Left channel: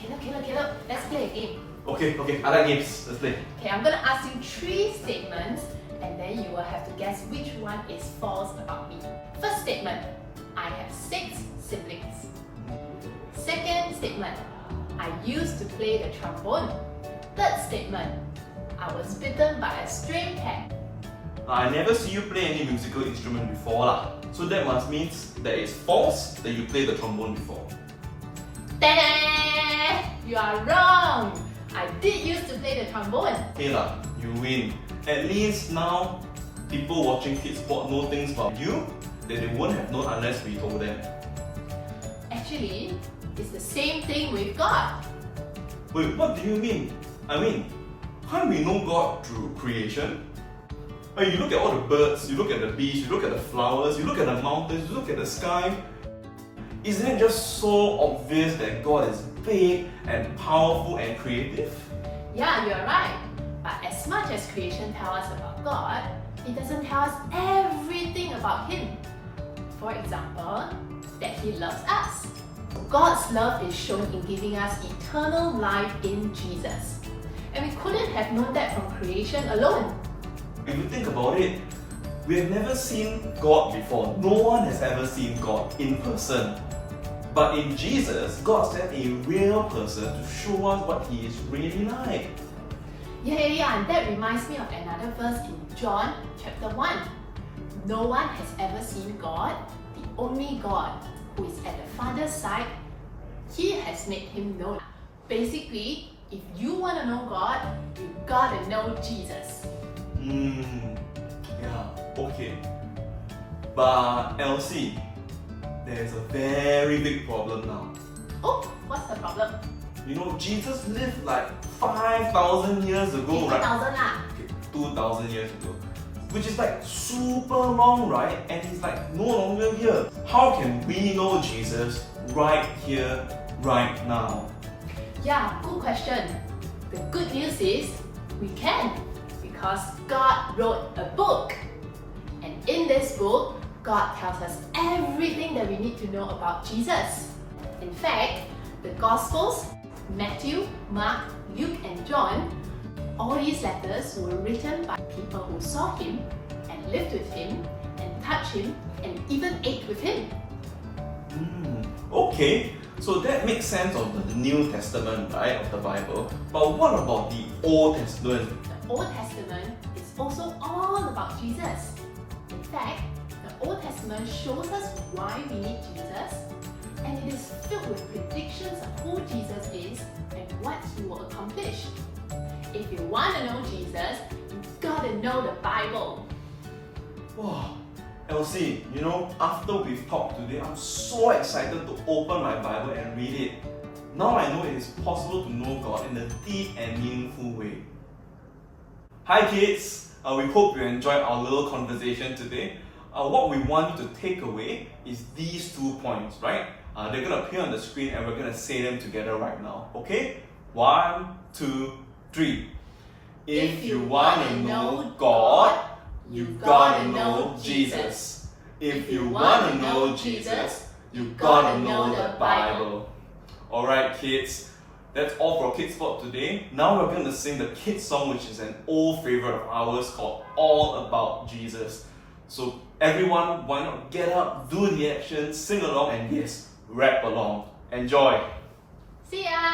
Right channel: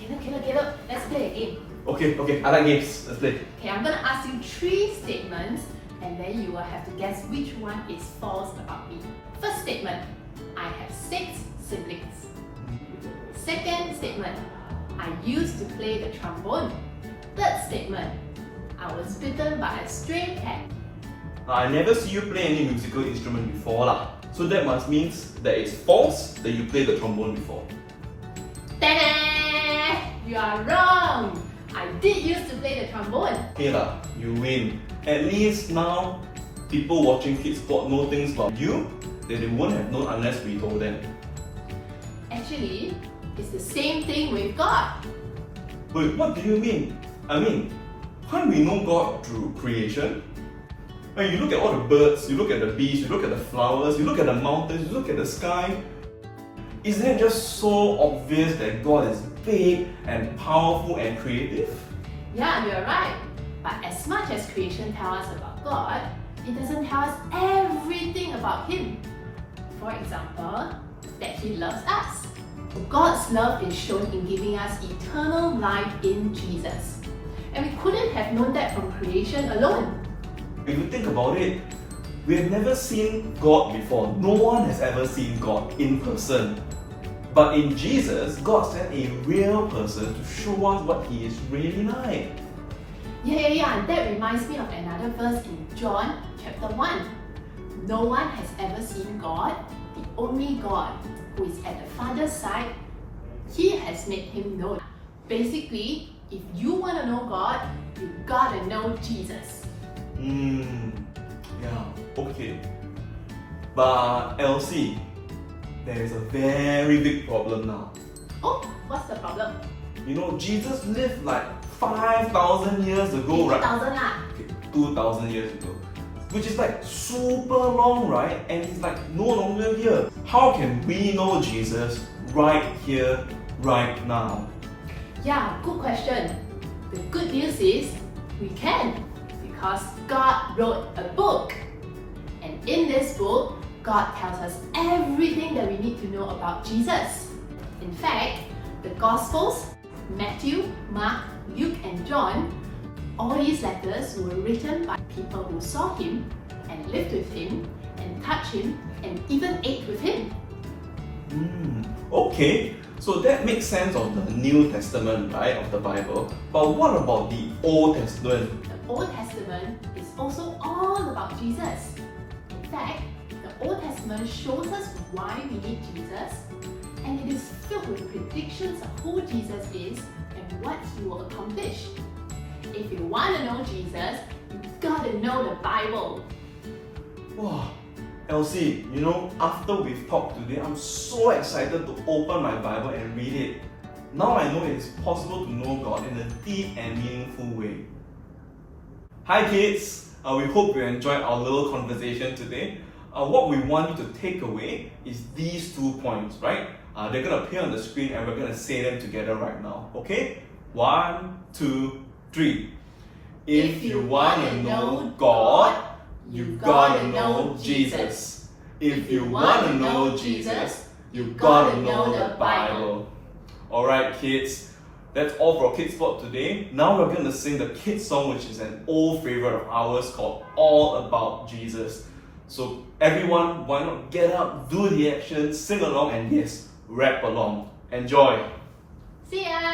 Caleb, let's play a game. Okay, I like games. Let's play. Okay, I'm gonna ask you 3 statements and then you will have to guess which one is false about me. First statement, I have 6 siblings. Second statement, I used to play the trombone. Third statement, I was bitten by a stray cat. I never see you play any musical instrument before lah. So that must means that it's false that you played the trombone before. Ta-da! You are wrong! I did used to play the trombone. Okay lah, you win. At least now, people watching Kids Sport know things about you that they wouldn't have known unless we told them. Actually, it's the same thing with God. Wait, what do you mean? I mean, can't we know God through creation? When you look at all the birds, you look at the bees, you look at the flowers, you look at the mountains, you look at the sky. Isn't it just so obvious that God is big and powerful and creative? Yeah, you're right. But as much as creation tells us about God, it doesn't tell us everything about Him. For example, that He loves us. God's love is shown in giving us eternal life in Jesus. And we couldn't have known that from creation alone. If you think about it, we have never seen God before. No one has ever seen God in person. But in Jesus, God sent a real person to show us what He is really like. Yeah, and that reminds me of another verse in John chapter 1. No one has ever seen God, the only God who is at the Father's side. He has made Him known. Basically, if you want to know God, you gotta know Jesus. Yeah, okay. But Elsie, there's a very big problem now. Oh, what's the problem? You know, Jesus lived like 5,000 years ago, right? 50,000 lah. Okay, 2,000 years ago. Which is like super long, right? And he's like no longer here. How can we know Jesus right here, right now? Yeah, good question. The good news is we can, because God wrote a book. And in this book, God tells us everything that we need to know about Jesus. In fact, the Gospels, Matthew, Mark, Luke and John, all these letters were written by people who saw Him and lived with Him and touched Him and even ate with Him. Okay, so that makes sense of the New Testament, right, of the Bible. But what about the Old Testament? The Old Testament is also all about Jesus. In fact, the Old Testament shows us why we need Jesus, and it is filled with predictions of who Jesus is and what He will accomplish. If you want to know Jesus, you gotta know the Bible. Wow, Elsie, you know, after we've talked today, I'm so excited to open my Bible and read it. Now I know it is possible to know God in a deep and meaningful way. Hi kids, we hope you enjoyed our little conversation today. What we want you to take away is these 2 points, right? They're going to appear on the screen and we're going to say them together right now. Okay? 1, 2, 3. If you want to know God, you gotta know Jesus. If you want to know Jesus, you gotta know the Bible. Alright kids, that's all for Kids Sport today. Now we're going to sing the kids song, which is an old favorite of ours called All About Jesus. So everyone, why not get up, do the action, sing along and yes, rap along. Enjoy! See ya!